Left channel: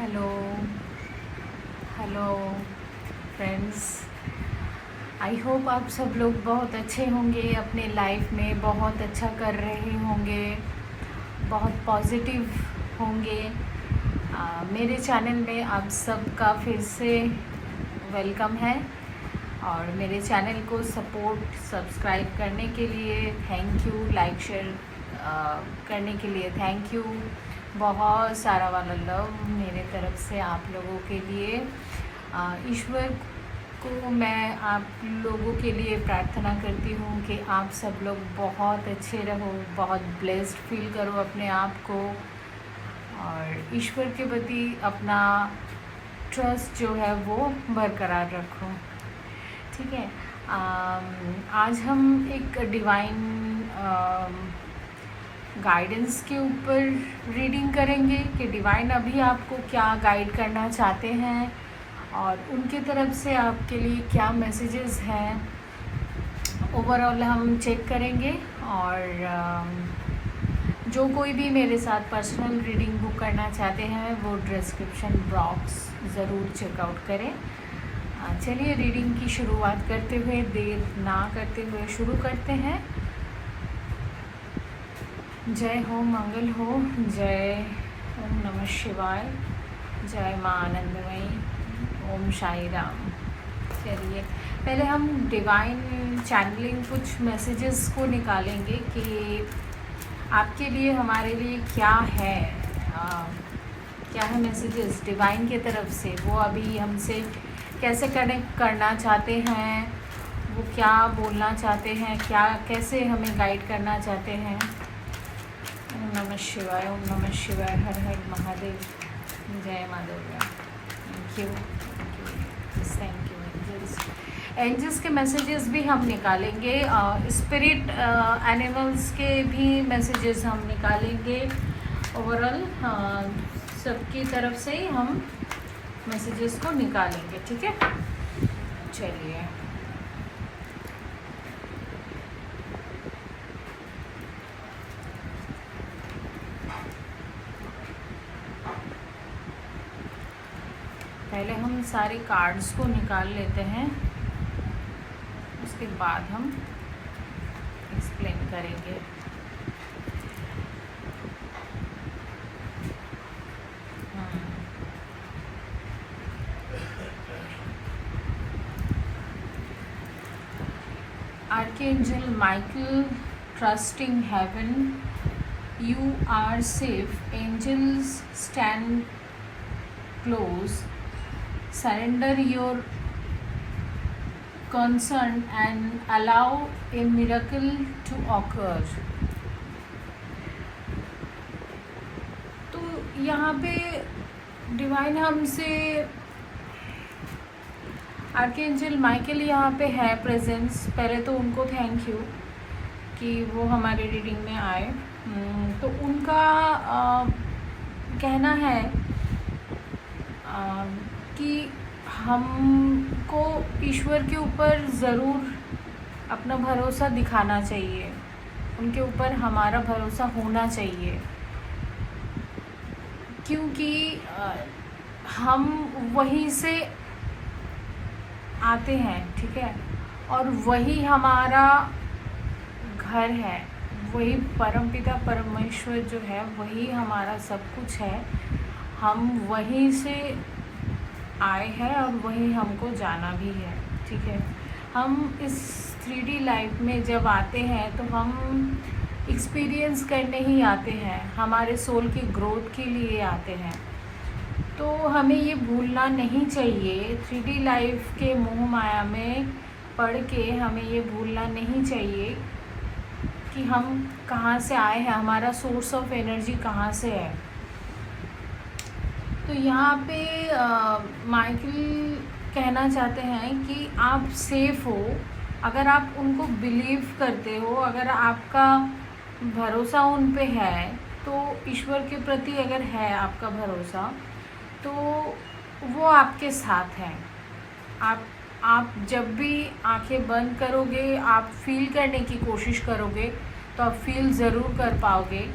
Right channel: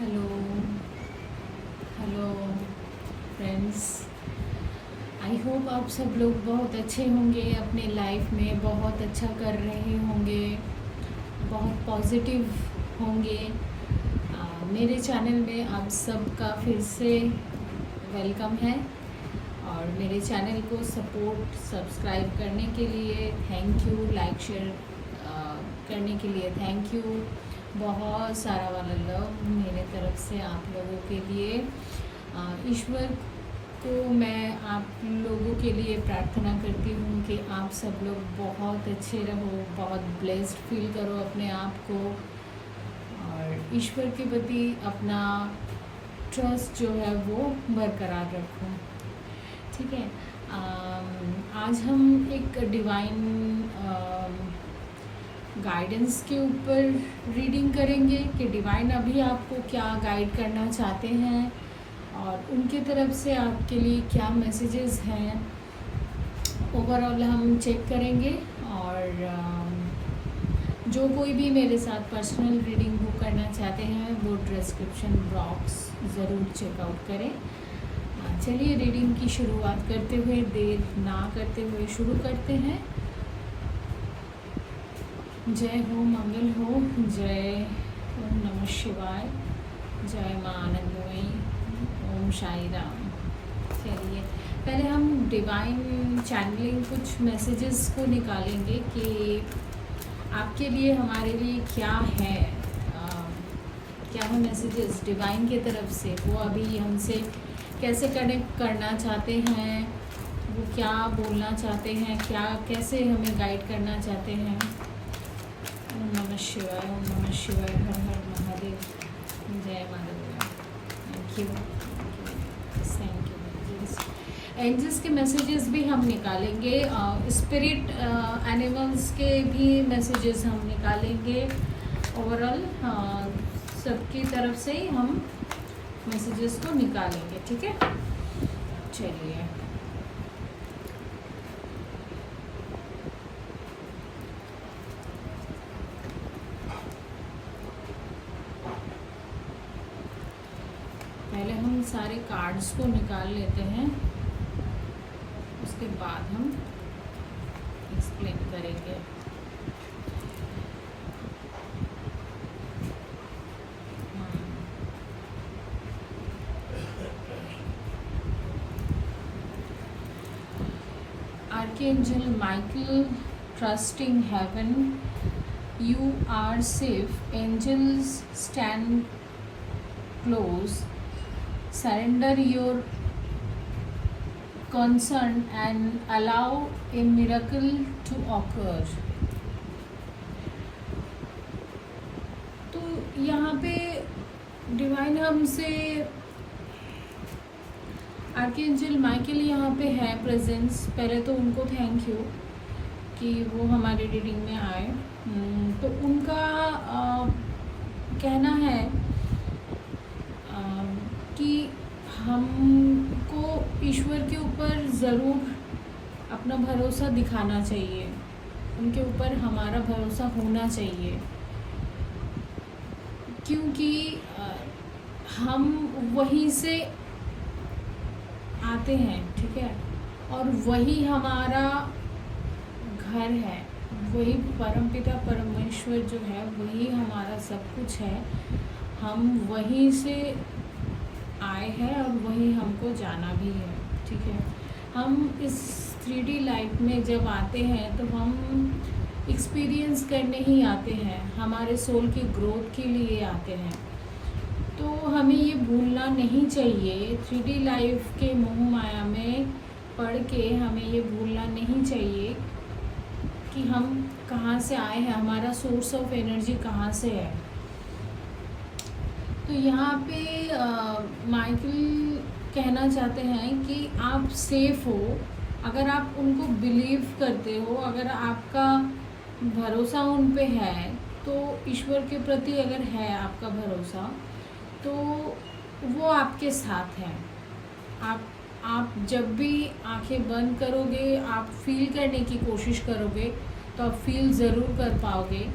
Hello hello friends. I hope आप सब लोग बहुत अच्छे होंगे, अपने लाइफ में बहुत अच्छा कर रहे होंगे, बहुत पॉजिटिव होंगे। मेरे चैनल में आप सबका फिर से वेलकम है और मेरे चैनल को सब्सक्राइब करने के लिए थैंक यू, लाइक शेयर करने के लिए थैंक यू। बहुत सारा वाला लव मेरे तरफ से आप लोगों के लिए। ईश्वर को मैं आप लोगों के लिए प्रार्थना करती हूँ कि आप सब लोग बहुत अच्छे रहो, बहुत ब्लेस्ड फील करो अपने आप को और ईश्वर के प्रति अपना ट्रस्ट जो है वो बरकरार रखो। ठीक है। आज हम एक डिवाइन गाइडेंस के ऊपर रीडिंग करेंगे कि डिवाइन अभी आपको क्या गाइड करना चाहते हैं और उनकी तरफ से आपके लिए क्या मैसेजेस हैं। ओवरऑल हम चेक करेंगे और जो कोई भी मेरे साथ पर्सनल रीडिंग बुक करना चाहते हैं वो डिस्क्रिप्शन बॉक्स ज़रूर चेकआउट करें। चलिए रीडिंग की शुरुआत करते हुए देर ना करते हुए शुरू करते हैं। जय हो, मंगल हो, जय ओम नमः शिवाय, जय माँ आनंदमयी, ओम साई राम। चलिए पहले हम डिवाइन चैनलिंग कुछ मैसेजेस को निकालेंगे कि आपके लिए हमारे लिए क्या है, क्या है मैसेजेस डिवाइन की तरफ से। वो अभी हमसे कैसे कनेक्ट करना चाहते हैं, वो क्या बोलना चाहते हैं, क्या कैसे हमें गाइड करना चाहते हैं। ओम नमः शिवाय, ओम नमः शिवाय, हर हर महादेव, जय माँ Durga. Thank you, thank you. Angels के मैसेजेस भी हम निकालेंगे, स्पिरिट एनिमल्स के भी मैसेजेस हम निकालेंगे। ओवरऑल सबकी तरफ से हम मैसेजेस को निकालेंगे। ठीक है, चलिए पहले हम सारे कार्ड्स को निकाल लेते हैं, उसके बाद हम एक्सप्लेन करेंगे। Archangel Michael, trusting heaven, you are safe. Angels stand close. Surrender your concern and allow a miracle to occur. तो यहाँ पे डिवाइन हमसे आर्कएंजल माइकल यहाँ पे है प्रेजेंस। पहले तो उनको थैंक यू कि वो हमारे रीडिंग में आए। तो उनका कहना है कि हमको ईश्वर के ऊपर ज़रूर अपना भरोसा दिखाना चाहिए, उनके ऊपर हमारा भरोसा होना चाहिए, क्योंकि हम वहीं से आते हैं। ठीक है, और वही हमारा घर है, वही परमपिता परमेश्वर जो है वही हमारा सब कुछ है। हम वहीं से आए हैं और वहीं हमको जाना भी है। ठीक है, हम इस 3D लाइफ में जब आते हैं तो हम एक्सपीरियंस करने ही आते हैं, हमारे सोल की ग्रोथ के लिए आते हैं। तो हमें ये भूलना नहीं चाहिए, 3D लाइफ के मोह माया में पढ़ के हमें ये भूलना नहीं चाहिए कि हम कहाँ से आए हैं, हमारा सोर्स ऑफ एनर्जी कहाँ से है। तो यहाँ पे माइकल कहना चाहते हैं कि आप सेफ हो अगर आप उनको बिलीव करते हो, अगर आपका भरोसा उन पे है, तो ईश्वर के प्रति अगर है आपका भरोसा तो वो आपके साथ हैं। आप जब भी आंखें बंद करोगे, आप फील करने की कोशिश करोगे तो आप फील ज़रूर कर पाओगे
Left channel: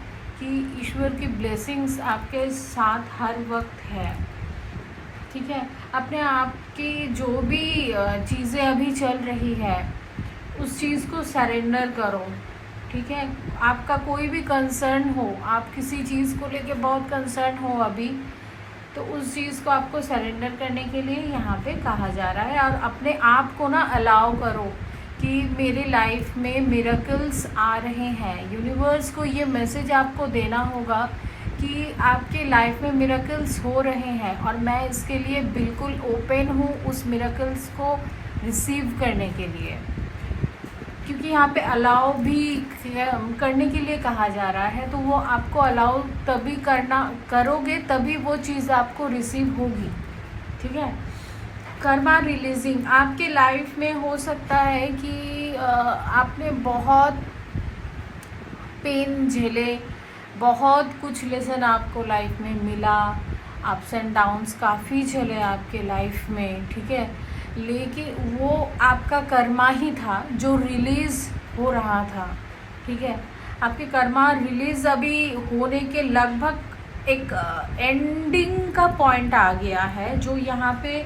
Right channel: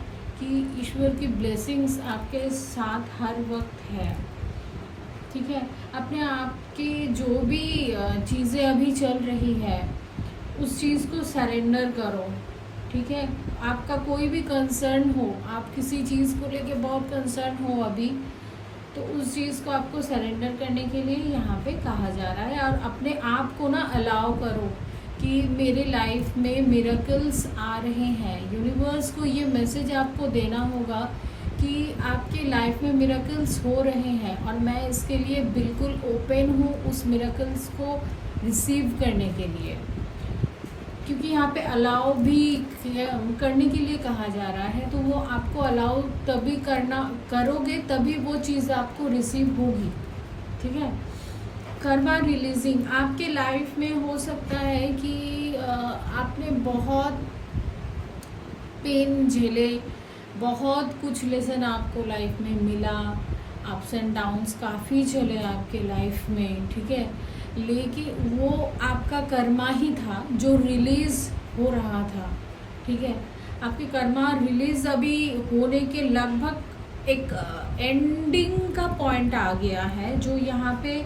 कि ईश्वर की ब्लेसिंग्स आपके साथ हर वक्त है। ठीक है, अपने आप की जो भी चीज़ें अभी चल रही है उस चीज़ को सरेंडर करो। ठीक है, आपका कोई भी कंसर्न हो, आप किसी चीज़ को लेके बहुत कंसर्न हो अभी, तो उस चीज़ को आपको सरेंडर करने के लिए यहाँ पे कहा जा रहा है। और अपने आप को ना अलाउ करो कि मेरे लाइफ में मिरेकल्स आ रहे हैं। यूनिवर्स को ये मैसेज आपको देना होगा कि आपके लाइफ में मिरेकल्स हो रहे हैं और मैं इसके लिए बिल्कुल ओपन हूँ उस मिरेकल्स को रिसीव करने के लिए। क्योंकि यहाँ पे अलाउ भी करने के लिए कहा जा रहा है, तो वो आपको अलाउ तभी करोगे तभी वो चीज़ आपको रिसीव होगी। ठीक है, कर्मा रिलीजिंग आपके लाइफ में हो सकता है कि आपने बहुत पेन झेले, बहुत कुछ लेसन आपको लाइफ में मिला, अप्स एंड डाउन्स काफ़ी चले आपके लाइफ में। ठीक है, लेकिन वो आपका कर्मा ही था जो रिलीज़ हो रहा था। ठीक है, आपके कर्मा रिलीज़ अभी होने के लगभग एक एंडिंग का पॉइंट आ गया है, जो यहाँ पे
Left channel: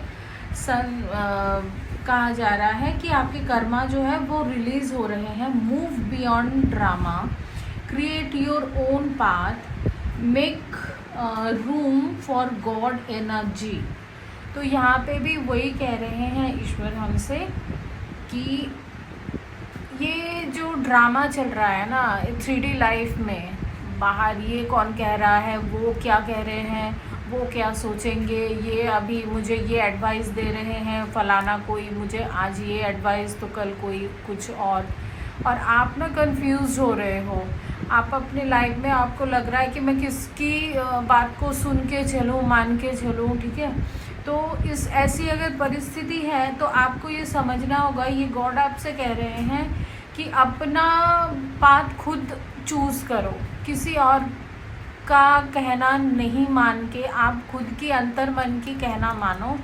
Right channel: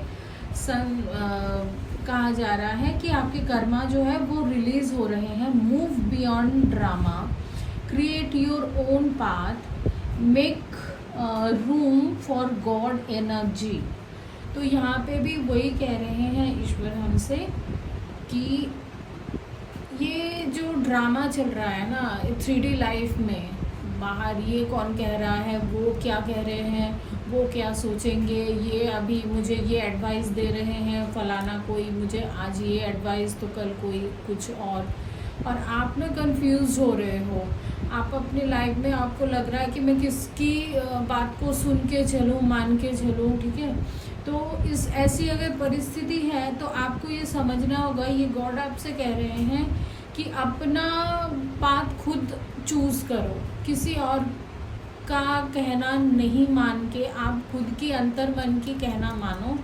कहा जा रहा है कि आपके कर्मा जो है वो रिलीज़ हो रहे हैं। Move beyond drama, create your own path, make room for God energy. तो यहाँ पे भी वही कह रहे हैं ईश्वर हमसे कि ये जो ड्रामा चल रहा है ना 3D लाइफ में, बाहर ये कौन कह रहा है, वो क्या कह रहे हैं, वो क्या सोचेंगे, ये अभी मुझे ये एडवाइस दे रहे हैं फलाना कोई, मुझे आज ये एडवाइस तो कल कोई कुछ और आप ना कंफ्यूज हो रहे हो। आप अपनी लाइफ में आपको लग रहा है कि मैं किसकी बात को सुन के चलूँ, मान के चलूँ। ठीक है, तो इस ऐसी अगर परिस्थिति है तो आपको ये समझना होगा, ये गॉड आपसे कह रहे हैं कि अपना पाथ खुद चूज़ करो, किसी और का कहना नहीं मान के आप खुद की अंतर मन की कहना मानो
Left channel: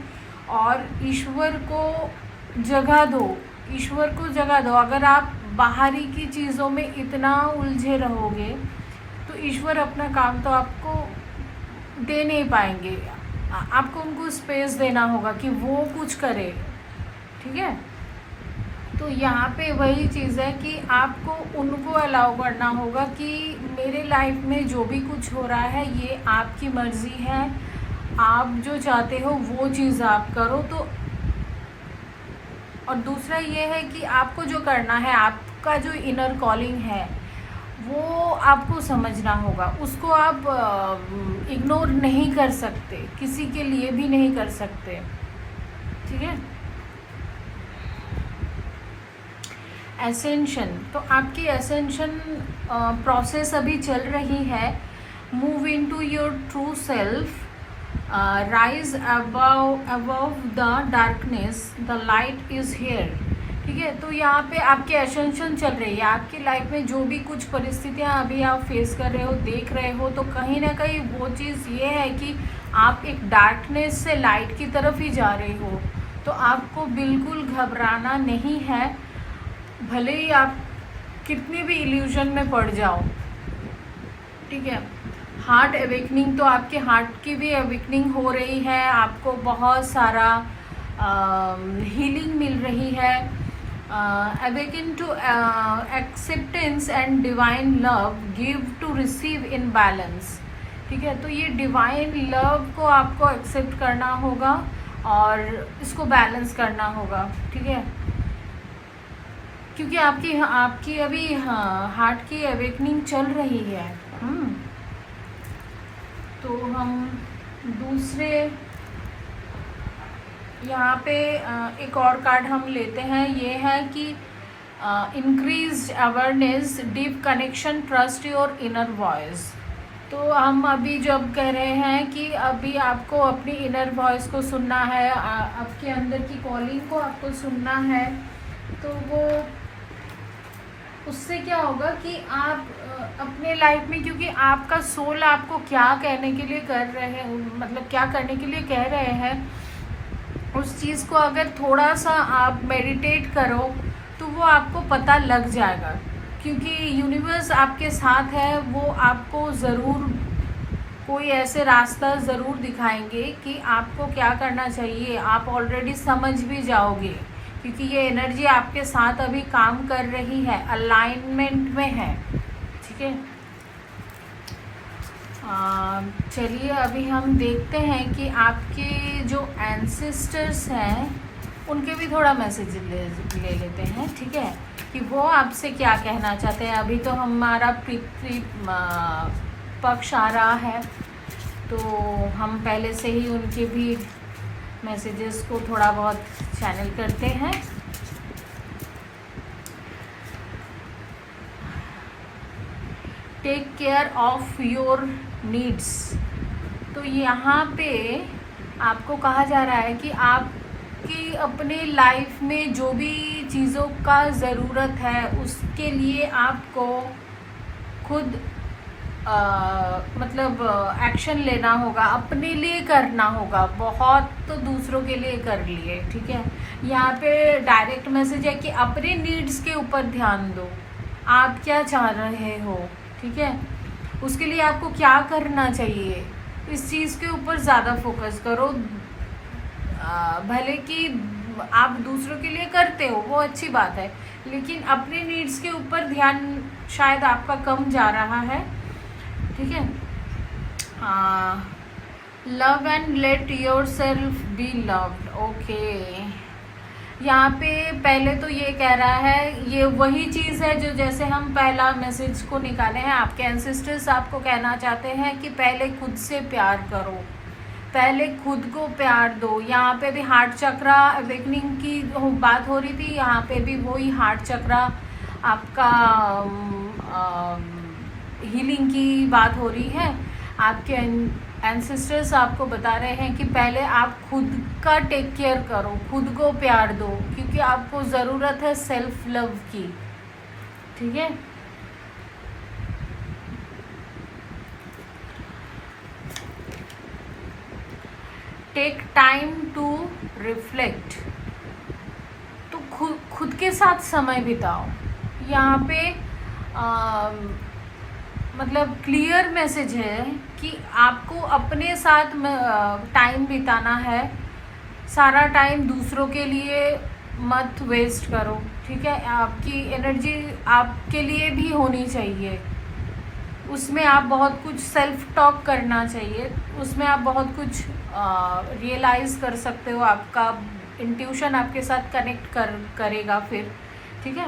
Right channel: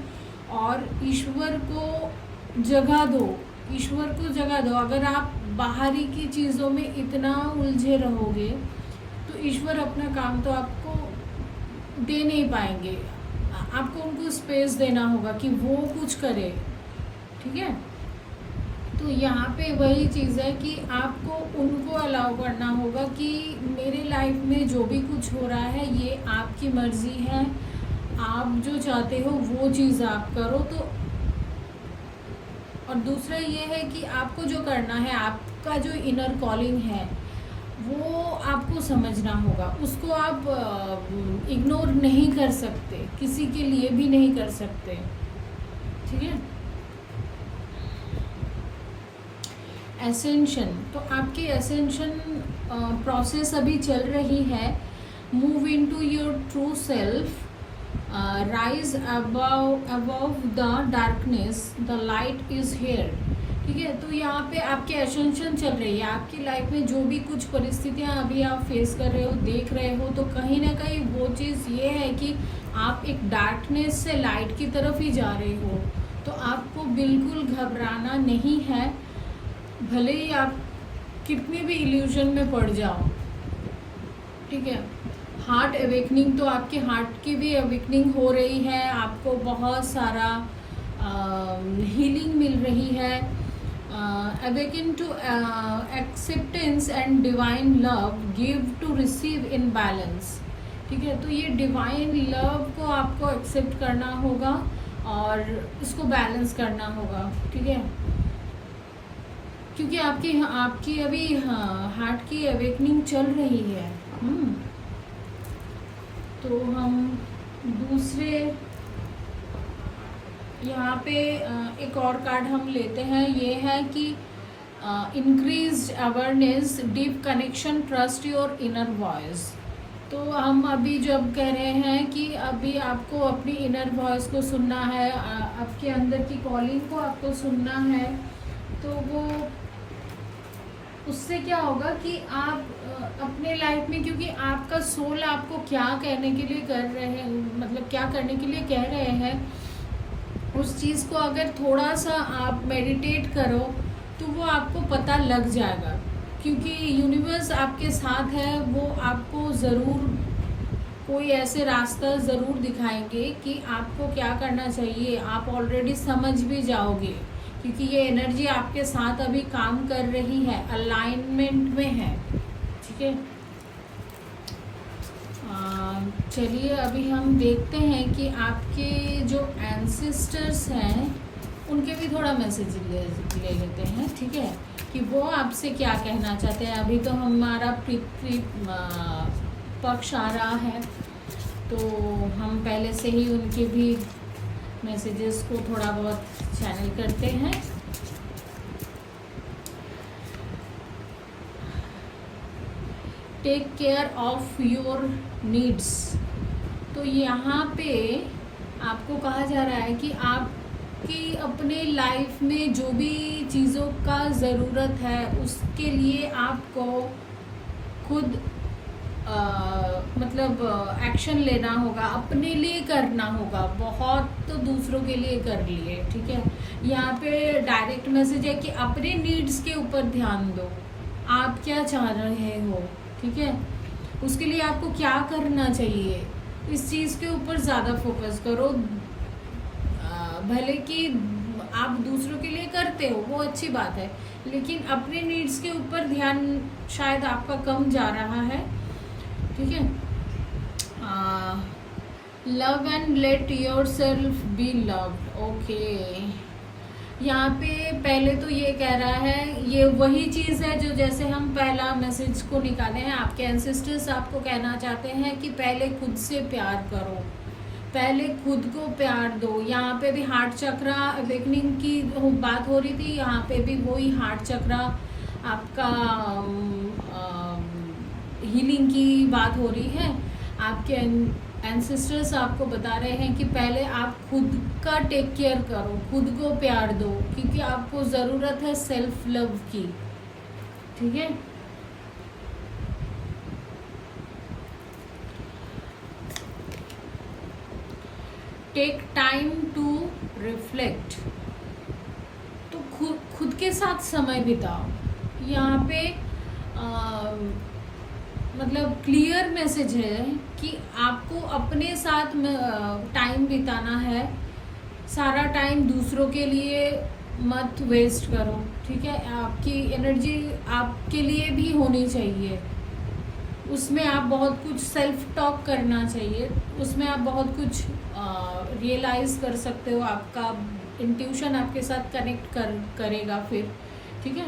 और ईश्वर को जगह दो। ईश्वर को जगह दो। अगर आप बाहरी की चीज़ों में इतना उलझे रहोगे तो ईश्वर अपना काम तो आपको दे नहीं पाएंगे। आपको उनको स्पेस देना होगा कि वो कुछ करे। ठीक है, तो यहाँ पे वही चीज़ है कि आपको उनको अलाउ करना होगा कि मेरे लाइफ में जो भी कुछ हो रहा है ये आपकी मर्ज़ी है, आप जो चाहते हो वो चीज़ आप करो। तो और दूसरा ये है कि आपको जो करना है, आपका जो इनर कॉलिंग है वो आपको समझना होगा, उसको आप इग्नोर नहीं कर सकते, किसी के लिए भी नहीं कर सकते। ठीक है, एसेंशन, तो आपकी एसेंशन प्रोसेस अभी चल रही है। Move into your true self, rise above the darkness, the light is here. ठीक है, तो यहाँ पे आपकी एसेंशन चल रही है। आपकी लाइफ में जो भी कुछ परिस्थितियाँ अभी आप फेस कर रहे हो, देख रहे हो, तो कहीं ना कहीं वो चीज़ ये है कि आप एक डार्कनेस से लाइट की तरफ ही जा रहे हो। तो आपको बिल्कुल घबराना नहीं है, भले ही आप कितने भी इल्यूजन में पड़ जाओ। ठीक है, हार्ट अवेकनिंग, तो आपके हार्ट की भी अवेकनिंग हो रही है, आपको बहुत सारा हीलिंग मिल रही है। Awaken to acceptance and divine love, give to receive in balance. ठीक है, तो ये डिवाइन लव को आपको एक्सेप्ट करना होगा और इसको बैलेंस करना होगा। ठीक है, क्योंकि आपकी अभी हार्ट की अवेकनिंग चल रही है। तो हम दूसरे यहाँ पे एक और कार्ड हम लेते हैं। ये है कि increased awareness, deep connection, trust your inner voice. तो हम अभी जब कह रहे हैं कि अभी आपको अपनी इनर वॉइस को सुनना है, आपके अंदर की कॉलिंग को आपको सुनना है, तो वो उससे क्या होगा कि आप अपने लाइफ में, क्योंकि आपका सोल आपको क्या कहने के लिए कर रहे हैं, मतलब क्या करने के लिए कह रहे हैं, उस चीज़ को अगर थोड़ा सा आप मेडिटेट करो तो वो आपको पता लग जाएगा क्योंकि यूनिवर्स आपके साथ है, वो आपको ज़रूर कोई ऐसे रास्ता ज़रूर दिखाएंगे कि आपको क्या करना चाहिए। आप ऑलरेडी समझ भी जाओगे, क्योंकि ये एनर्जी आपके साथ अभी काम कर रही है, अलाइनमेंट में है। ठीक है, चलिए अभी हम देखते हैं कि आपके जो एंसेस्टर्स हैं उनके भी थोड़ा मैसेज ले लेते हैं। ठीक है, कि वो आपसे क्या कहना चाहते हैं। अभी तो हमारा पृथ्वी पक्ष आ रहा है, तो हम पहले से ही उनके भी मैसेजेस को थोड़ा बहुत चैनल करते हैं। Take care of your needs. तो यहाँ पे आपको कहा जा रहा है कि आपकी अपने लाइफ में जो भी चीज़ों का ज़रूरत है उसके लिए आपको खुद मतलब एक्शन लेना होगा, अपने लिए करना होगा। बहुत तो दूसरों के लिए कर लिए। ठीक है, यहाँ पे डायरेक्ट मैसेज है कि अपने नीड्स के ऊपर ध्यान दो, आप क्या चाह रहे हो। ठीक है, उसके लिए आपको क्या करना चाहिए, इस चीज़ के ऊपर ज़्यादा फोकस करो। भले कि आप दूसरों के लिए करते हो, वो अच्छी बात है, लेकिन अपने नीड्स के ऊपर ध्यान शायद आपका कम जा रहा है। ठीक है, love and let your self be loved. Okay, यहाँ पे पहले तो ये कह रहा है, ये वही चीज़ है जो जैसे हम पहला मैसेज को निकाले हैं। आपके एंसेस्टर्स आपको कहना चाहते हैं कि पहले खुद से प्यार करो, पहले खुद को प्यार दो। यहाँ पे भी हार्ट चक्रा अवेकनिंग की बात हो रही थी, यहाँ पे भी वही हार्ट चक्रा आपका हीलिंग की बात हो रही है। आपके एंसेस्टर्स आपको बता रहे हैं कि पहले आप खुद का टेक केयर करो, खुद को प्यार दो, क्योंकि आपको ज़रूरत है सेल्फ लव की। ठीक है, टेक टाइम टू रिफ्लेक्ट। तो खुद के साथ समय बिताओ। यहाँ पे मतलब क्लियर मैसेज है कि आपको अपने साथ टाइम बिताना है। सारा टाइम दूसरों के लिए मत वेस्ट करो। ठीक है, आपकी एनर्जी आपके लिए भी होनी चाहिए, उसमें आप बहुत कुछ सेल्फ टॉक करना चाहिए, उसमें आप बहुत कुछ रियलाइज़ कर सकते हो। आपका इंट्यूशन आपके साथ कनेक्ट करेगा फिर। ठीक है,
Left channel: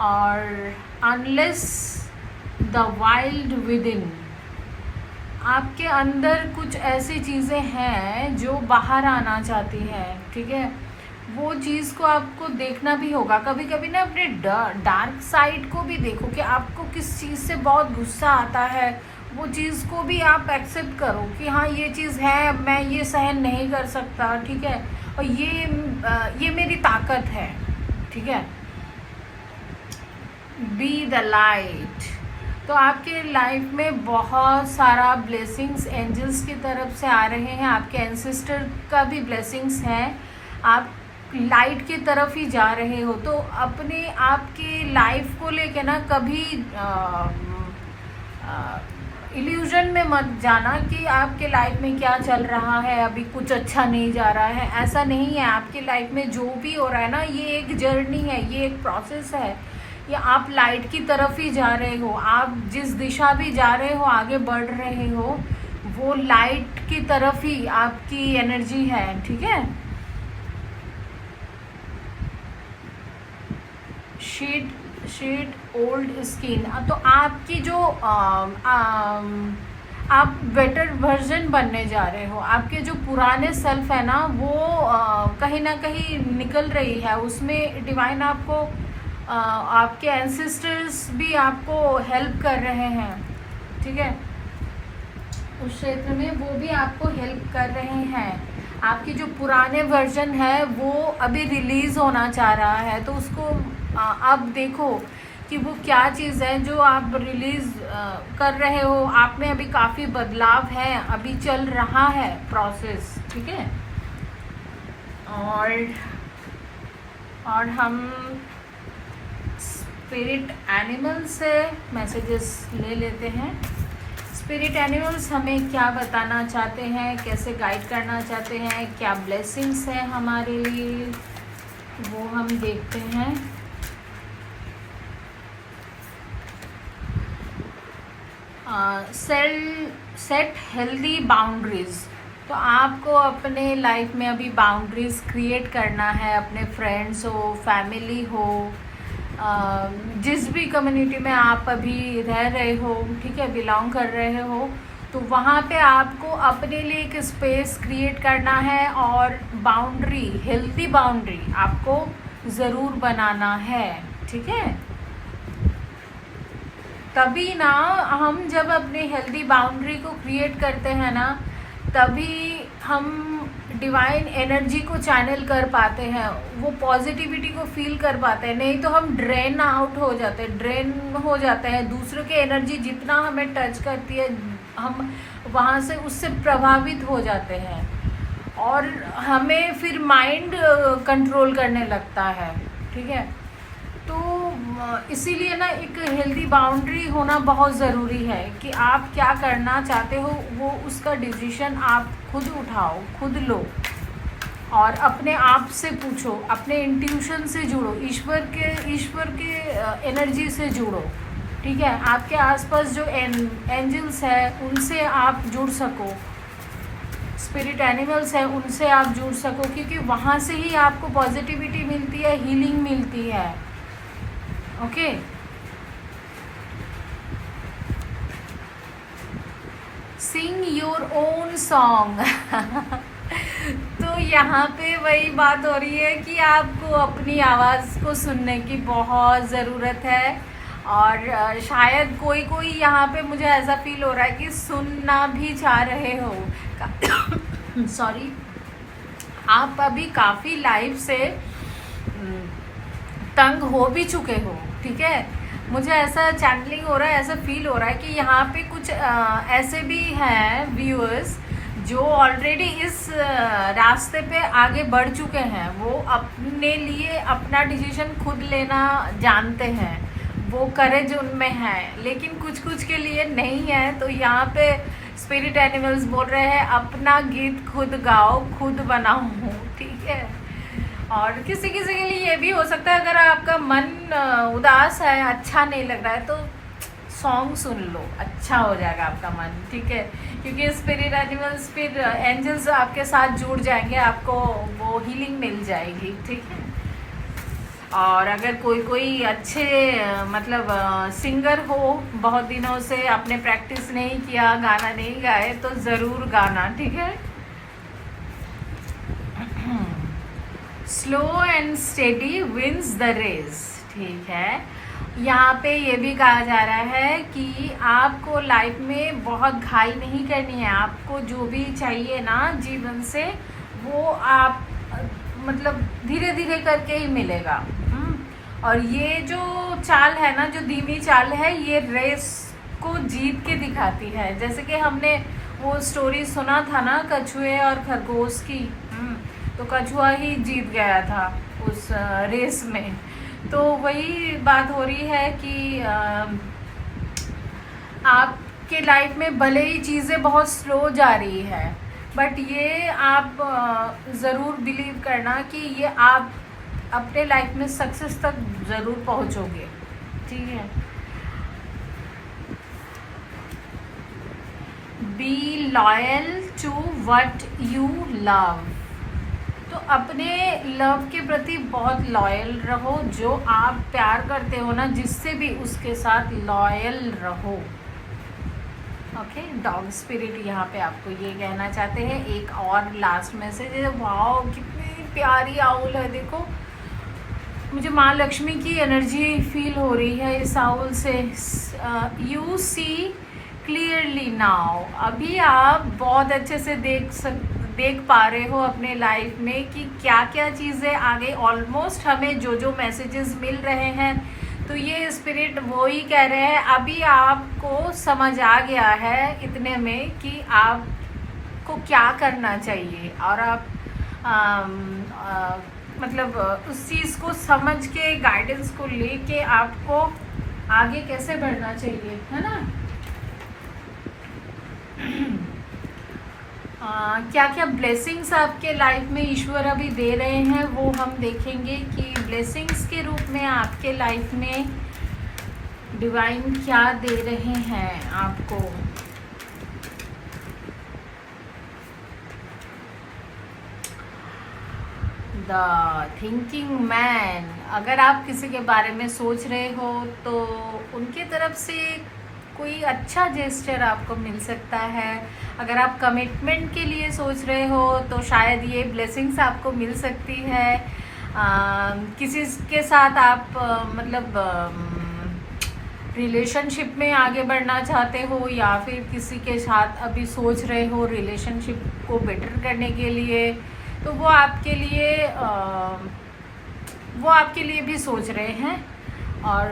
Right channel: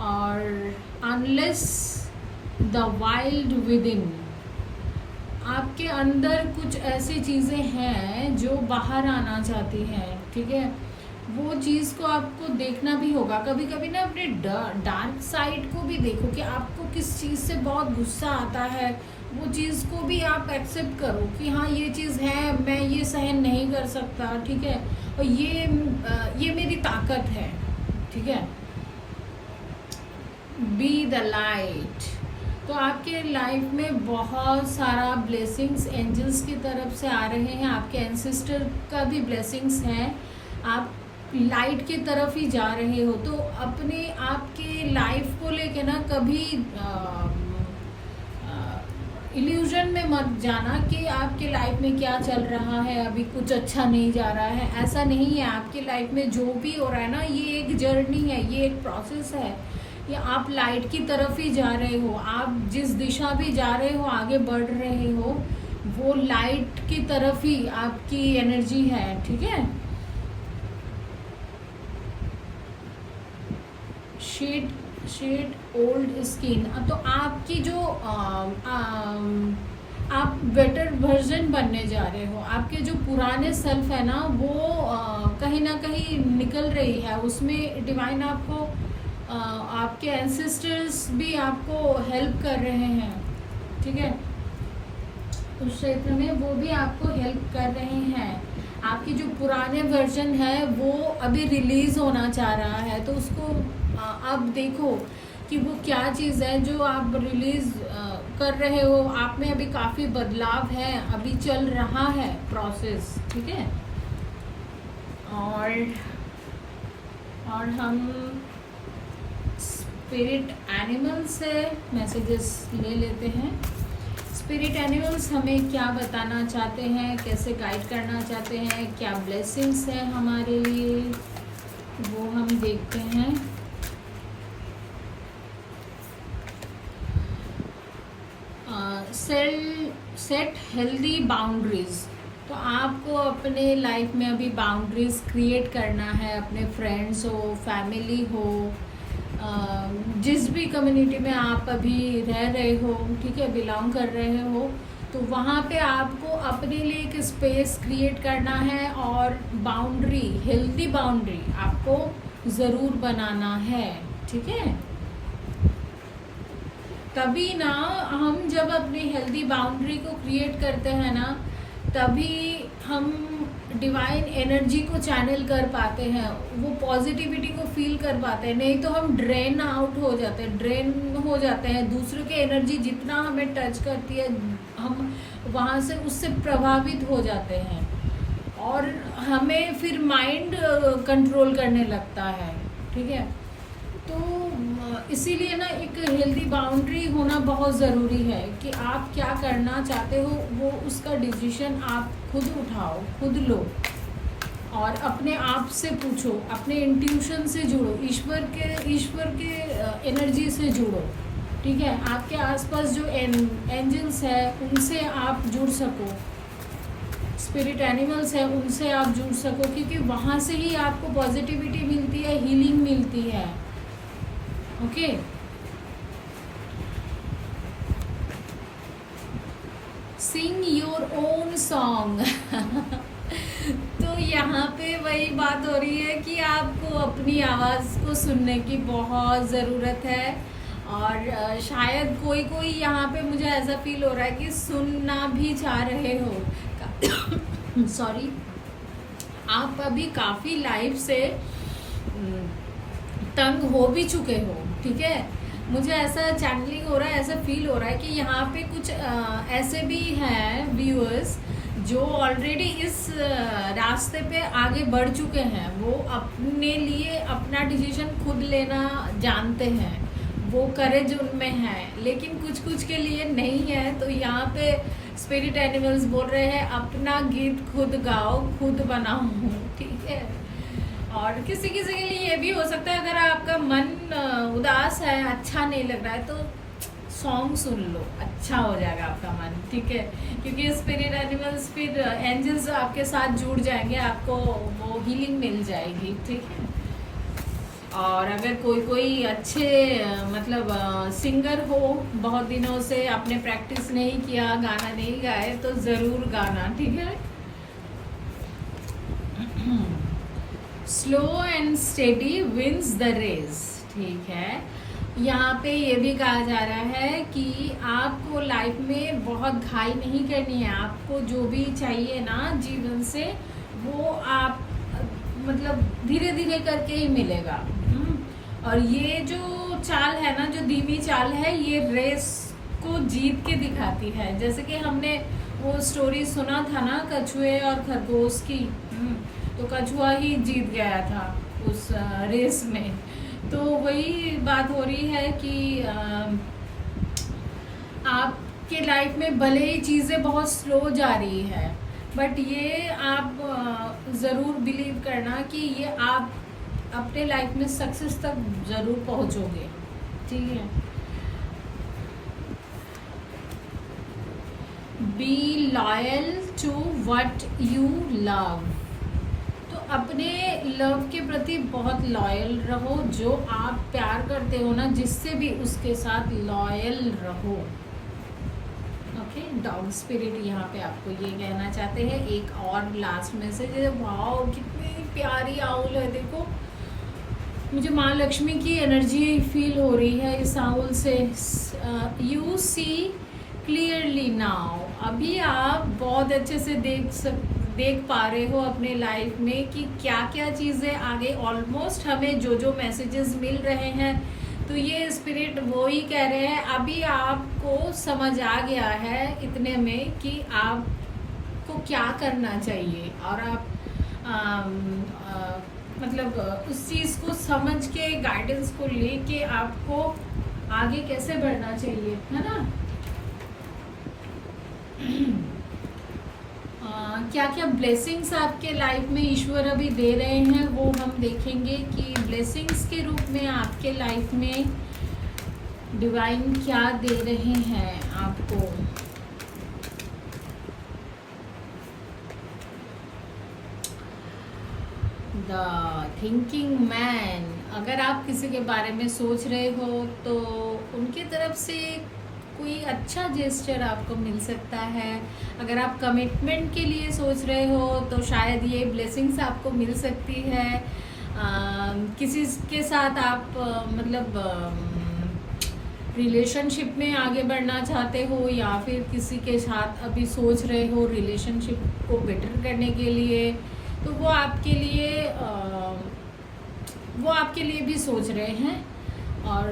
और unless the wild with in, आपके अंदर कुछ ऐसी चीज़ें हैं जो बाहर आना चाहती हैं। ठीक है, वो चीज़ को आपको देखना भी होगा। कभी कभी ना अपने डार्क साइड को भी देखो कि आपको किस चीज़ से बहुत गुस्सा आता है, वो चीज़ को भी आप एक्सेप्ट करो कि हाँ ये चीज़ है, मैं ये सहन नहीं कर सकता। ठीक है, और ये मेरी ताकत है। ठीक है, बी द लाइट। तो आपके लाइफ में बहुत सारा ब्लेसिंग्स एंजल्स की तरफ से आ रहे हैं, आपके एंसेस्टर का भी ब्लेसिंग्स हैं। आप लाइट की तरफ ही जा रहे हो। तो अपने आपकी लाइफ को लेके ना कभी इल्यूजन में मत जाना कि आपके लाइफ में क्या चल रहा है, अभी कुछ अच्छा नहीं जा रहा है। ऐसा नहीं है। आपके लाइफ में जो भी हो रहा है ना, ये एक जर्नी है, ये एक प्रोसेस है, या आप लाइट की तरफ ही जा रहे हो। आप जिस दिशा भी जा रहे हो, आगे बढ़ रहे हो, वो लाइट की तरफ ही आपकी एनर्जी है। ठीक है, शेड ओल्ड स्किन। तो आपकी जो आप बेटर वर्जन बनने जा रहे हो। आपके जो पुराने सेल्फ है ना, वो कहीं ना कहीं निकल रही है। उसमें डिवाइन आपको आपके एंसेस्टर्स भी आपको हेल्प कर रहे हैं। ठीक है, उस क्षेत्र में वो भी आपको हेल्प कर रहे हैं। आपकी जो पुराने वर्जन है वो अभी रिलीज होना चाह रहा है, तो उसको आप देखो कि वो क्या चीज़ है जो आप रिलीज कर रहे हो। आप में अभी काफ़ी बदलाव है, अभी चल रहा है प्रोसेस। ठीक है, और हम स्पिरिट एनिमल से मैसेजेस ले लेते हैं। स्पिरिट एनिमल्स हमें क्या बताना चाहते हैं, कैसे गाइड करना चाहते हैं, क्या ब्लेसिंग्स है हमारे लिए, वो हम देखते हैं। Set healthy boundaries. तो आपको अपने लाइफ में अभी बाउंड्रीज क्रिएट करना है, अपने फ्रेंड्स हो, फैमिली हो, जिस भी कम्युनिटी में आप अभी रह रहे हो, ठीक है, बिलोंग कर रहे हो, तो वहाँ पे आपको अपने लिए एक स्पेस क्रिएट करना है और बाउंड्री, हेल्दी बाउंड्री आपको ज़रूर बनाना है, ठीक है। तभी ना हम जब अपने हेल्दी बाउंड्री को क्रिएट करते हैं ना, तभी हम डिवाइन एनर्जी को चैनल कर पाते हैं, वो पॉजिटिविटी को फील कर पाते हैं। नहीं तो हम ड्रेन आउट हो जाते हैं, ड्रेन हो जाते हैं। दूसरे के एनर्जी जितना हमें टच करती है, हम वहाँ से उससे प्रभावित हो जाते हैं और हमें फिर माइंड कंट्रोल करने लगता है, ठीक है। तो इसीलिए ना एक हेल्दी बाउंड्री होना बहुत ज़रूरी है कि आप क्या करना चाहते हो, वो उसका डिसीजन आप खुद उठाओ, खुद लो और अपने आप से पूछो, अपने इंट्यूशन से जुड़ो, ईश्वर के एनर्जी से जुड़ो, ठीक है। आपके आसपास जो एंजल्स है उनसे आप जुड़ सको, स्पिरिट एनिमल्स है उनसे आप जुड़ सको, क्योंकि वहाँ से ही आपको पॉजिटिविटी मिलती है, हीलिंग मिलती है। Okay sing your own song. तो यहाँ पे वही बात हो रही है कि आपको अपनी आवाज़ को सुनने की बहुत ज़रूरत है और शायद कोई यहाँ पे मुझे ऐसा फील हो रहा है कि सुनना भी चाह रहे हो। सॉरी, आप अभी काफ़ी लाइफ से तंग हो भी चुके हो, ठीक है। मुझे ऐसा चैनलिंग हो रहा है, ऐसा फील हो रहा है कि यहाँ पे कुछ ऐसे भी हैं व्यूअर्स जो ऑलरेडी इस रास्ते पे आगे बढ़ चुके हैं। वो अपने लिए अपना डिसीजन खुद लेना जानते हैं, वो करेज उनमें है, लेकिन कुछ के लिए नहीं है। तो यहाँ पे स्पिरिट एनिमल्स बोल रहे हैं अपना गीत खुद गाओ, खुद बनाओ, ठीक है। और किसी के लिए ये भी हो सकता है, अगर आपका मन उदास है, अच्छा नहीं लग रहा है, तो सॉन्ग सुन लो, अच्छा हो जाएगा आपका मन, ठीक है। क्योंकि स्पिरिट एनिमल्स, फिर एंजल्स आपके साथ जुड़ जाएंगे, आपको वो हीलिंग मिल जाएगी, ठीक है। और अगर कोई अच्छे मतलब सिंगर हो, बहुत दिनों से आपने प्रैक्टिस नहीं किया, गाना नहीं गाए, तो ज़रूर गाना, ठीक है। Slow and steady wins the race, ठीक है। यहाँ पे ये भी कहा जा रहा है कि आपको लाइफ में बहुत घाई नहीं करनी है, आपको जो भी चाहिए ना जीवन से, वो आप मतलब धीरे धीरे करके ही मिलेगा। और ये जो चाल है ना, जो धीमी चाल है, ये रेस को जीत के दिखाती है। जैसे कि हमने वो स्टोरी सुना था ना कछुए और खरगोश की, तो कछुआ ही जीत गया था उस रेस में। तो वही बात हो रही है कि आपके लाइफ में भले ही चीज़ें बहुत स्लो जा रही है, बट ये आप ज़रूर बिलीव करना कि ये आप अपने लाइफ में सक्सेस तक ज़रूर पहुंचोगे, ठीक है। Be loyal to what you love. तो अपने लव के प्रति बहुत लॉयल रहो, जो आप प्यार करते हो ना, जिससे भी उसके साथ लॉयल रहो, ओके। डॉग स्पिरिट यहाँ पे आपको ये कहना चाहते हैं। एक और लास्ट मैसेज है, वाओ कितनी प्यारी आउल है, देखो मुझे माँ लक्ष्मी की एनर्जी फील हो रही है इस आउल से। यू सी क्लियरली नाउ, अभी आप बहुत अच्छे से देख पा रहे हो अपने लाइफ में कि क्या क्या चीज़ें आगे, ऑलमोस्ट हमें जो मैसेजेस मिल रहे हैं, तो ये स्पिरिट वो ही कह रहे हैं अभी आपको समझ आ गया है इतने में कि आपको क्या करना चाहिए और आप मतलब उस चीज़ को समझ के, गाइडेंस को लेके आपको आगे कैसे बढ़ना चाहिए, है ना। क्या क्या ब्लेसिंग्स आपके लाइफ में ईश्वर अभी दे रहे हैं वो हम देखेंगे कि ब्लेसिंग्स के रूप में आपके लाइफ में डिवाइन क्या दे रहे हैं आपको। द थिंकिंग मैन, अगर आप किसी के बारे में सोच रहे हो तो उनके तरफ से कोई अच्छा जेस्चर आपको मिल सकता है। अगर आप कमिटमेंट के लिए सोच रहे हो तो शायद ये ब्लेसिंग्स आपको मिल सकती है। किसी के साथ आप मतलब रिलेशनशिप में आगे बढ़ना चाहते हो या फिर किसी के साथ अभी सोच रहे हो रिलेशनशिप को बेटर करने के लिए, तो वो आपके लिए भी सोच रहे हैं। और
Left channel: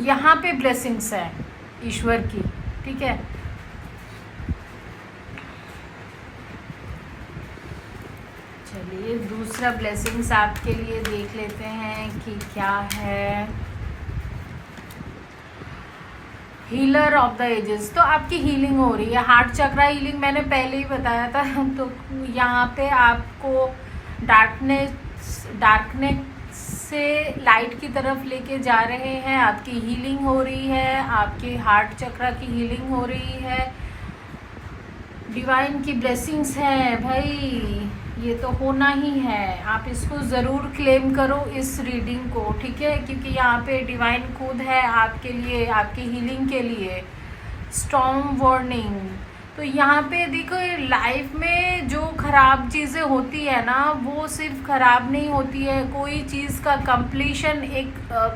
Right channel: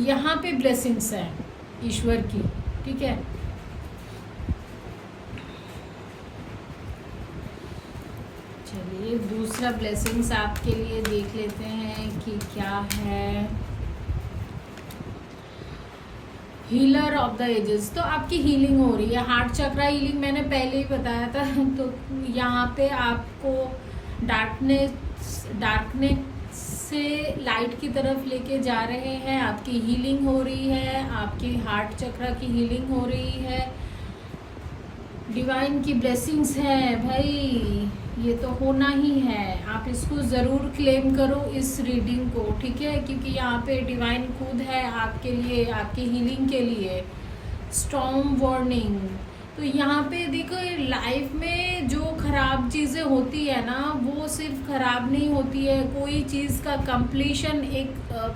यहाँ पे ब्लेसिंग्स है ईश्वर की, ठीक है। चलिए दूसरा ब्लेसिंग्स आपके लिए देख लेते हैं कि क्या है। हीलर ऑफ द एजेस, तो आपकी हीलिंग हो रही है, हार्ट चक्रा हीलिंग मैंने पहले ही बताया था। तो यहाँ पे आपको डार्कनेस से लाइट की तरफ लेके जा रहे हैं। आपकी हीलिंग हो रही है, आपके हार्ट चक्रा की हीलिंग हो रही है। डिवाइन की ब्लेसिंग्स है भाई, ये तो होना ही है। आप इसको ज़रूर क्लेम करो इस रीडिंग को, ठीक है, क्योंकि यहाँ पे डिवाइन खुद है आपके लिए, आपकी हीलिंग के लिए। स्टॉर्म वार्निंग, तो यहाँ पे देखो लाइफ में जो खराब चीज़ें होती है ना वो सिर्फ खराब नहीं होती है, कोई चीज़ का कंप्लीशन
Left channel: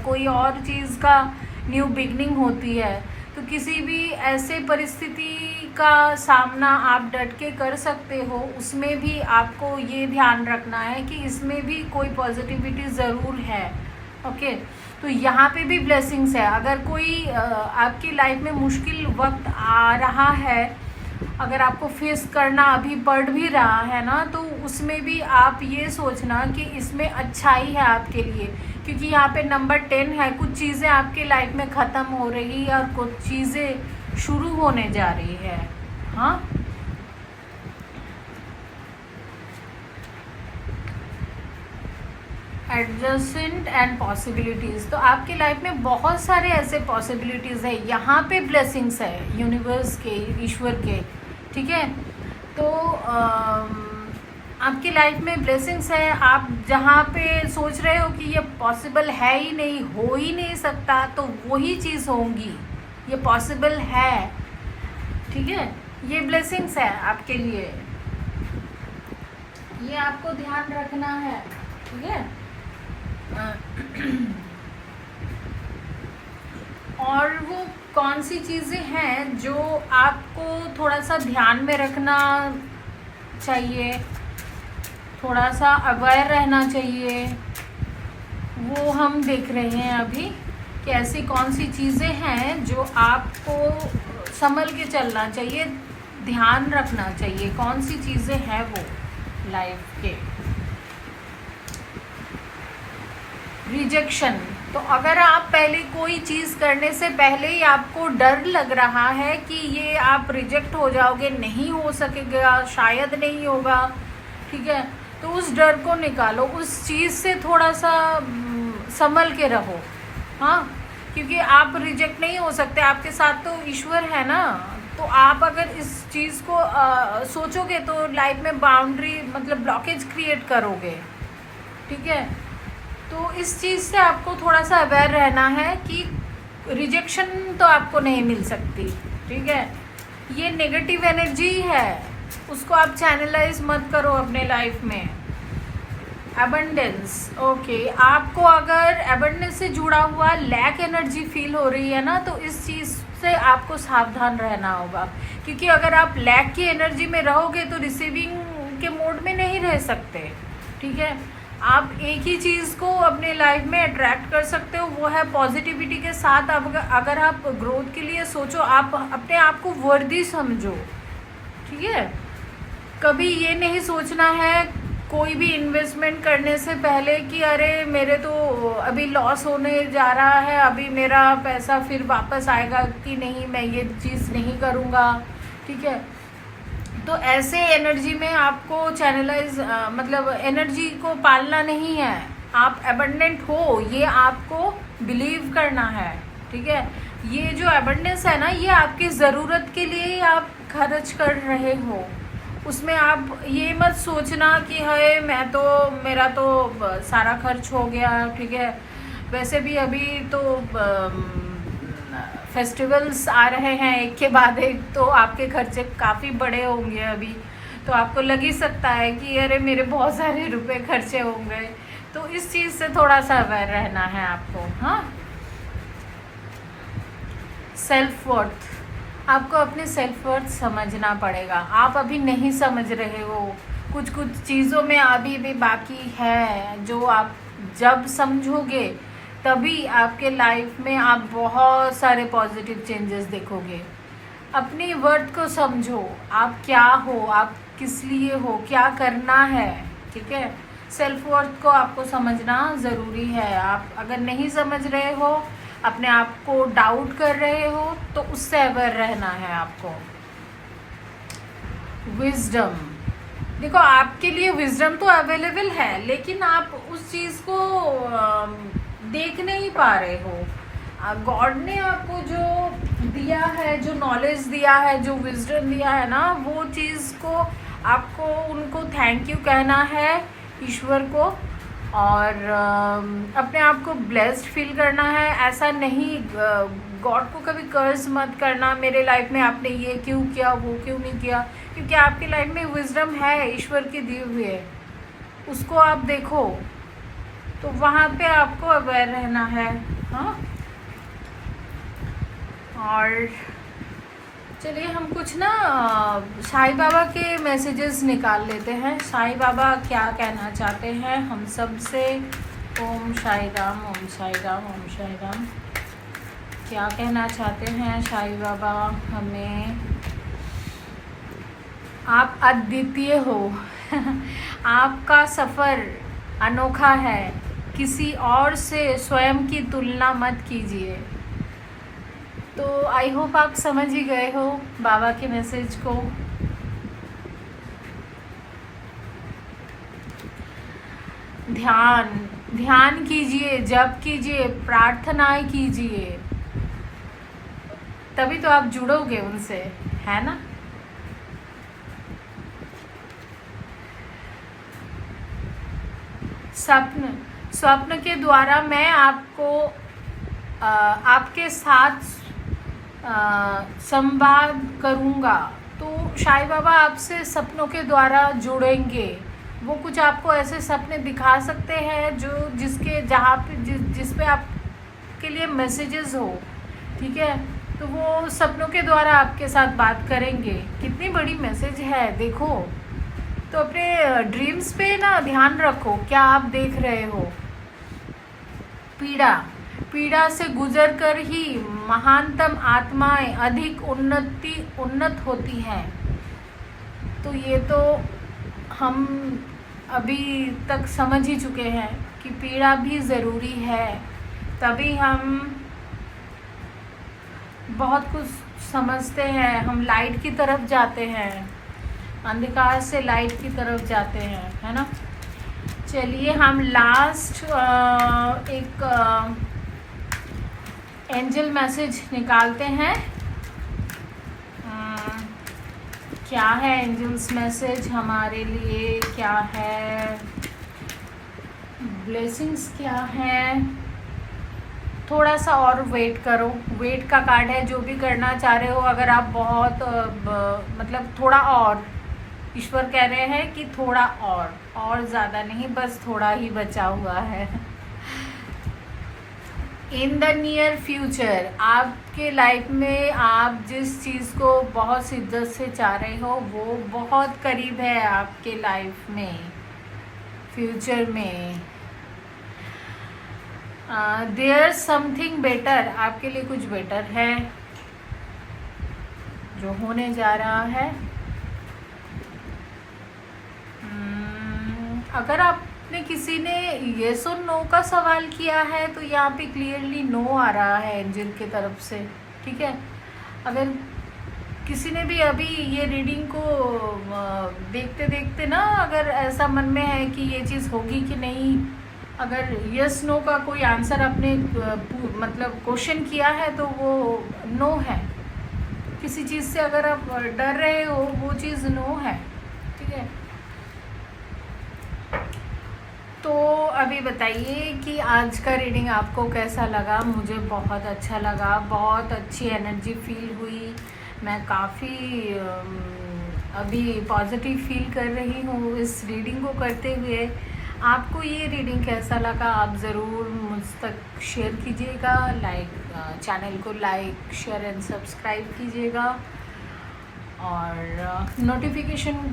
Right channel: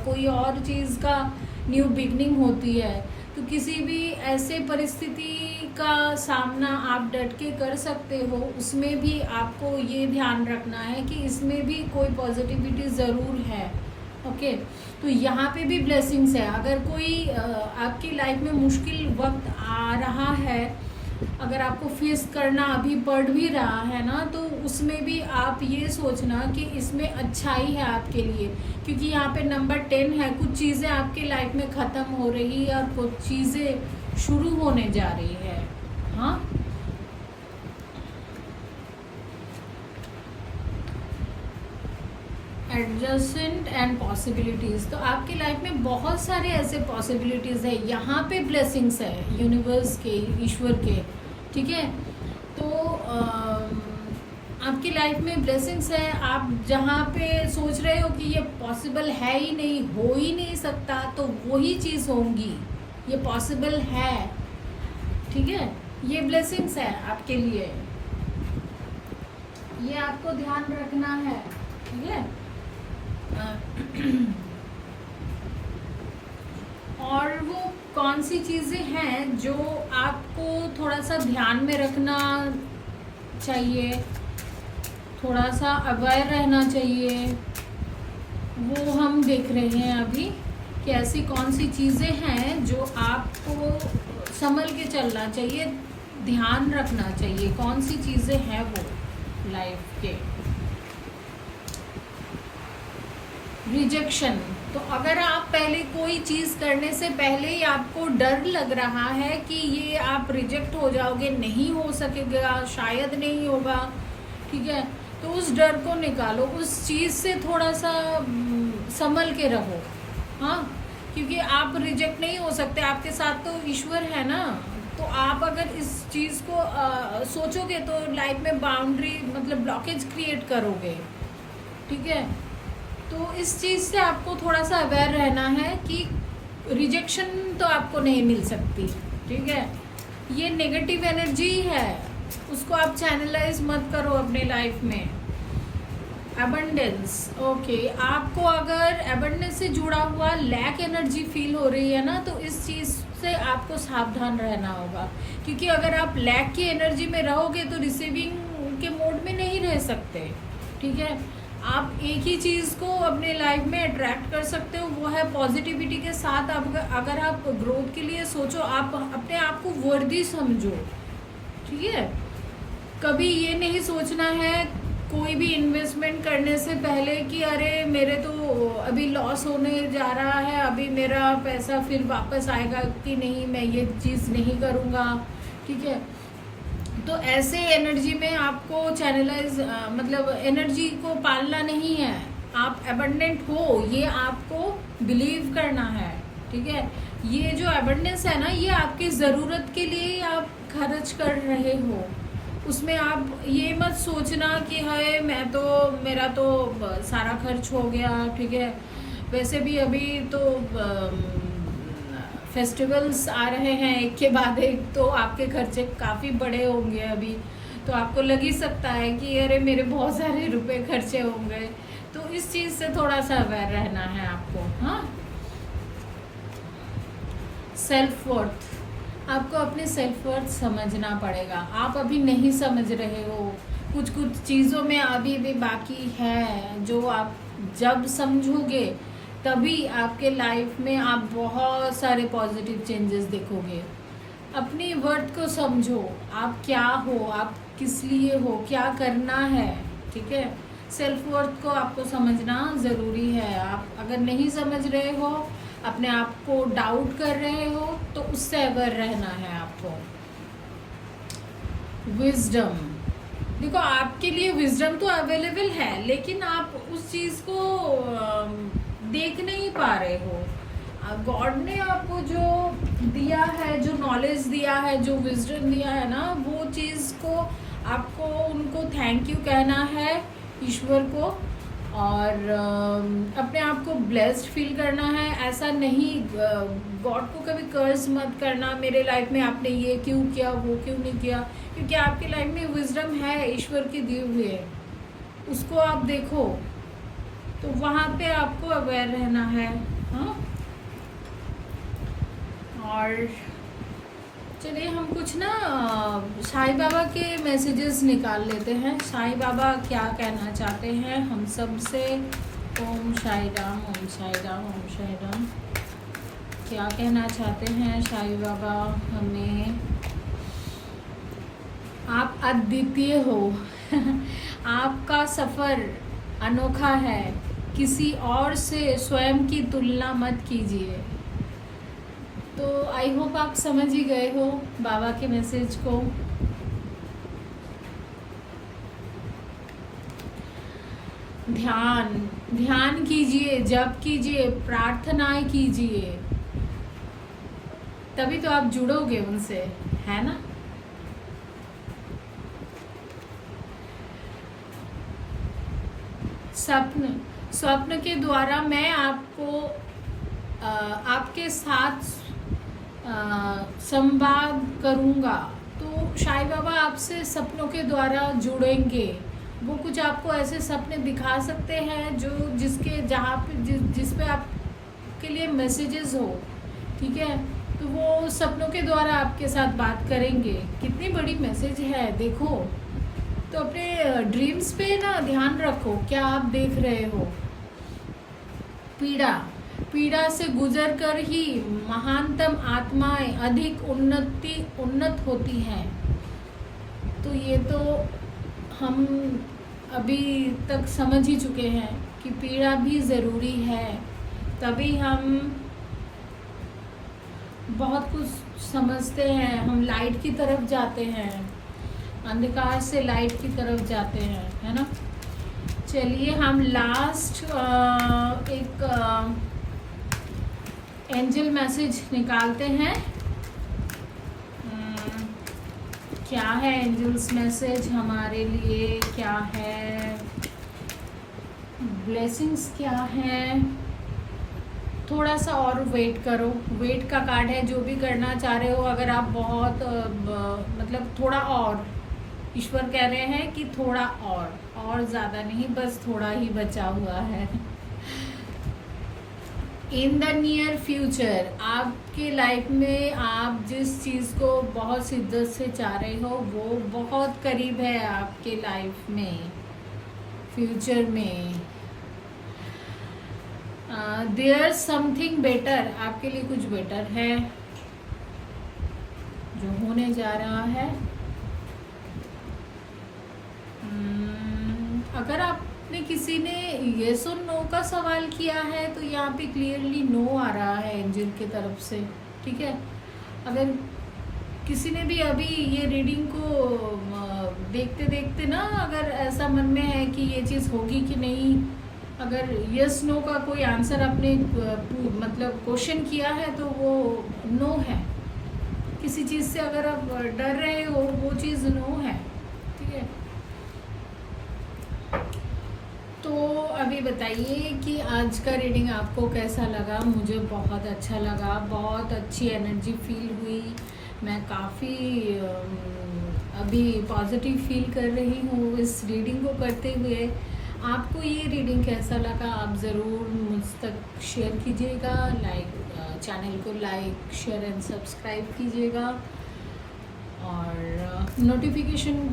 कोई और चीज़ का न्यू बिगनिंग होती है। तो किसी भी ऐसे परिस्थिति का सामना आप डट के कर सकते हो, उसमें भी आपको ये ध्यान रखना है कि इसमें भी कोई पॉजिटिविटी ज़रूर है। ओके, तो यहाँ पे भी ब्लेसिंग्स है। अगर कोई आपकी लाइफ में मुश्किल वक्त आ रहा है, अगर आपको फेस करना अभी पड़ भी रहा है ना, तो उसमें भी आप ये सोचना कि इसमें अच्छाई है आपके लिए, क्योंकि यहाँ पे नंबर 10 है। कुछ चीज़ें आपके लाइफ में ख़त्म हो रही है और कुछ चीज़ें शुरू होने जा रही है। हाँ, एडजस्टमेंट एंड पॉसिबिलिटीज़, तो आपकी लाइफ में बहुत सारे ऐसे पॉसिबिलिटीज़ है। यहाँ पे ब्लेसिंग्स है यूनिवर्स के, ईश्वर के, ठीक है। तो आपकी लाइफ में ब्लेसिंग्स है। आप जहाँ पे सोच रहे हो कि ये पॉसिबल है ही नहीं, हो ही नहीं सकता, तो वही चीज़ होंगी, ये पॉसिबल है, ठीक है। ये ब्लेसिंग्स है आपके लिए, ये आपको ध्यान रखना है, ठीक है। और वो कौन सी चीज़ें हैं जो आपको थोड़ा सा ध्यान में रखना चाहिए, थोड़ा सा अवेयर रहना चाहिए, वो हम देख रहे हैं अभी कि ऐसी कौन सी चीज़ें हैं जो आपको संभल के चलना चाहिए, ध्यान रखना चाहिए, कौन सी चीज़ें हैं वो लाइफ के। रिजेक्शन, तो अगर आप पहले कोई चीज़ करने से पहले ही आपको डर लग रहा है कि ये आप रिजेक्ट हो जाओगे, नहीं हो सकेगा, शायद नहीं होगा, ठीक है, तो उस डर को निकालो, उस चीज़ से थोड़ा सा संभल के रहो। हाँ, क्योंकि आप रिजेक्ट नहीं हो सकते, आपके साथ तो ईश्वर है ना। तो आप अगर इस चीज़ को सोचोगे तो लाइफ में बाउंड्री मतलब ब्लॉकेज क्रिएट करोगे, ठीक है। तो इस चीज़ से आपको थोड़ा सा अवेयर रहना है कि रिजेक्शन तो आपको नहीं मिल सकती, ठीक है। ये नेगेटिव एनर्जी है, उसको आप चैनलाइज मत करो अपने लाइफ में। अबंडेंस, ओके, आपको अगर अबंडेंस से जुड़ा हुआ लैक एनर्जी फील हो रही है ना, तो इस चीज़ से आपको सावधान रहना होगा, क्योंकि अगर आप लैक की एनर्जी में रहोगे तो रिसीविंग के मोड में नहीं रह सकते, ठीक है। आप एक ही चीज़ को अपने लाइफ में अट्रैक्ट कर सकते हो, वो है पॉजिटिविटी के साथ। अगर आप ग्रोथ के लिए सोचो, आप अपने आप को वर्दी समझो, ठीक है। कभी ये नहीं सोचना है कोई भी इन्वेस्टमेंट करने से पहले कि अरे मेरे तो अभी लॉस होने जा रहा है, अभी मेरा पैसा फिर वापस आएगा कि नहीं, मैं ये चीज़ नहीं करूँगा, ठीक है। तो ऐसे एनर्जी में आपको चैनलाइज मतलब एनर्जी को पालना नहीं है। आप एबंडेंट हो ये आपको बिलीव करना है, ठीक है। ये जो एबंडेंस है ना, ये आपकी ज़रूरत के लिए ही आप खर्च कर रहे हो। उसमें आप ये मत सोचना कि हाय मैं तो, मेरा तो सारा खर्च हो गया, ठीक है। वैसे भी अभी तो फेस्टिवल्स आ रहे हैं एक के बाद एक, तो आपके खर्चे काफ़ी बड़े होंगे अभी। तो आपको लग ही सकता है कि अरे मेरे बहुत सारे रुपए खर्चे होंगे। तो इस चीज़ से थोड़ा सा अवेयर रहना है आपको। हाँ, सेल्फ वर्थ, आपको अपने सेल्फ वर्थ समझना पड़ेगा। आप अभी नहीं समझ रहे हो, कुछ कुछ चीज़ों में अभी भी बाकी है, जो आप जब समझोगे तभी आपके लाइफ में आप बहुत सारे पॉजिटिव चेंजेस देखोगे। अपनी वर्थ को समझो, आप क्या हो, आप किस लिए हो, क्या करना है, ठीक है। सेल्फ वर्थ को आपको समझना ज़रूरी है। आप अगर नहीं समझ रहे हो, अपने आप को डाउट कर रहे हो, तो उससे अवेयर रहना है आपको। विजडम, देखो आपके लिए विजडम तो अवेलेबल है, लेकिन आप उस चीज़ को देख नहीं पा रहे हो। गॉड ने आपको जो दिया है, जो नॉलेज दिया है, जो विजडम दिया है ना, वो चीज़ को आपको उनको थैंक यू कहना है, ईश्वर को, और अपने आप को ब्लेस्ड फील करना है। ऐसा नहीं, गॉड को कभी कर्ज मत करना, मेरे लाइफ में आपने ये क्यों किया, वो क्यों नहीं किया, क्योंकि आपकी लाइफ में विजडम है, ईश्वर की दी हुई है, उसको आप देखो। तो वहाँ पे आपको अवेयर रहना है। हाँ, और चलिए हम कुछ ना साईं बाबा के मैसेजेस निकाल लेते हैं। साईं बाबा क्या कहना चाहते हैं हम सब से। ओम साईं राम, ओम साईं राम, ओम साईं राम। क्या कहना चाहते हैं साईं बाबा हमें। आप अद्वितीय हो आपका सफ़र अनोखा है, किसी और से स्वयं की तुलना मत कीजिए। तो आई होप आप समझ ही गए हो बाबा के मैसेज को। ध्यान कीजिए, जप कीजिए, प्रार्थनाएं कीजिए, तभी तो आप जुड़ोगे उनसे, है ना। स्वप्न के द्वारा मैं आपको आपके साथ संवाद करूँगा। तो साईं बाबा आपसे सपनों के द्वारा जुड़ेंगे। वो कुछ आपको ऐसे सपने दिखा सकते हैं जो जिसके जहाँ पे जिस पे आपके लिए मैसेजेस हो, ठीक है। तो वो सपनों के द्वारा आपके साथ बात करेंगे। कितनी बड़ी मैसेज है देखो। तो अपने ड्रीम्स पे ना ध्यान रखो, क्या आप देख रहे हो। पीड़ा से गुजर कर ही महानतम आत्माएं अधिक उन्नत होती हैं। तो ये तो हम अभी तक समझ ही चुके हैं कि पीड़ा भी ज़रूरी है, तभी हम बहुत कुछ समझते हैं। हम लाइट की तरफ जाते हैं, अंधकार से लाइट की तरफ जाते हैं, है ना। चलिए हम लास्ट एक एंजल मैसेज निकालते हैं। क्या है एंजल्स मैसेज हमारे लिए, क्या है ब्लेसिंग्स, क्या है। थोड़ा सा और वेट करो, वेट का कार्ड है। जो भी करना चाह रहे हो, अगर आप बहुत मतलब थोड़ा और, ईश्वर कह रहे हैं कि थोड़ा और ज़्यादा नहीं, बस थोड़ा ही बचा हुआ है। इन द नियर फ्यूचर, आपके लाइफ में आप जिस चीज़ को बहुत शिद्दत से चाह रहे हो, वो बहुत करीब है आपके लाइफ में, फ्यूचर में। देयर समथिंग बेटर, आपके लिए कुछ बेटर है जो होने जा रहा है। अगर आपने किसी ने येस और नो का सवाल किया है तो यहाँ पे क्लियरली नो आ रहा है एंजल की तरफ से, ठीक है। अगर किसी ने भी अभी ये रीडिंग को देखते देखते ना अगर ऐसा मन में है कि ये चीज़ होगी कि नहीं, अगर यस नो का कोई आंसर आपने मतलब क्वेश्चन किया है तो वो नो है। किसी चीज़ से अगर आप डर रहे हो वो चीज़ नो है, ठीक है। तो अभी बताइए कि आज का रीडिंग आपको कैसा लगा। मुझे बहुत अच्छा लगा, बहुत अच्छी एनर्जी फील हुई। मैं काफ़ी अभी पॉजिटिव फील कर रही हूँ इस रीडिंग को करते हुए। आपको ये रीडिंग कैसा लगा आप ज़रूर मुझ तक शेयर कीजिएगा। चैनल को लाइक शेयर एंड सब्सक्राइब कीजिएगा और नोटिफिकेशन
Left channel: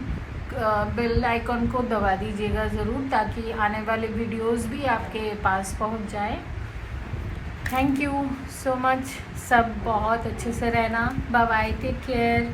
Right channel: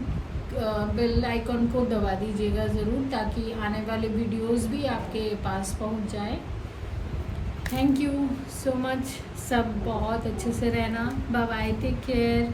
बेल आइकॉन को दबा दीजिएगा ज़रूर, ताकि आने वाले वीडियोस भी आपके पास पहुंच जाए। Thank you so much. सब बहुत अच्छे से रहना। Bye bye, take care.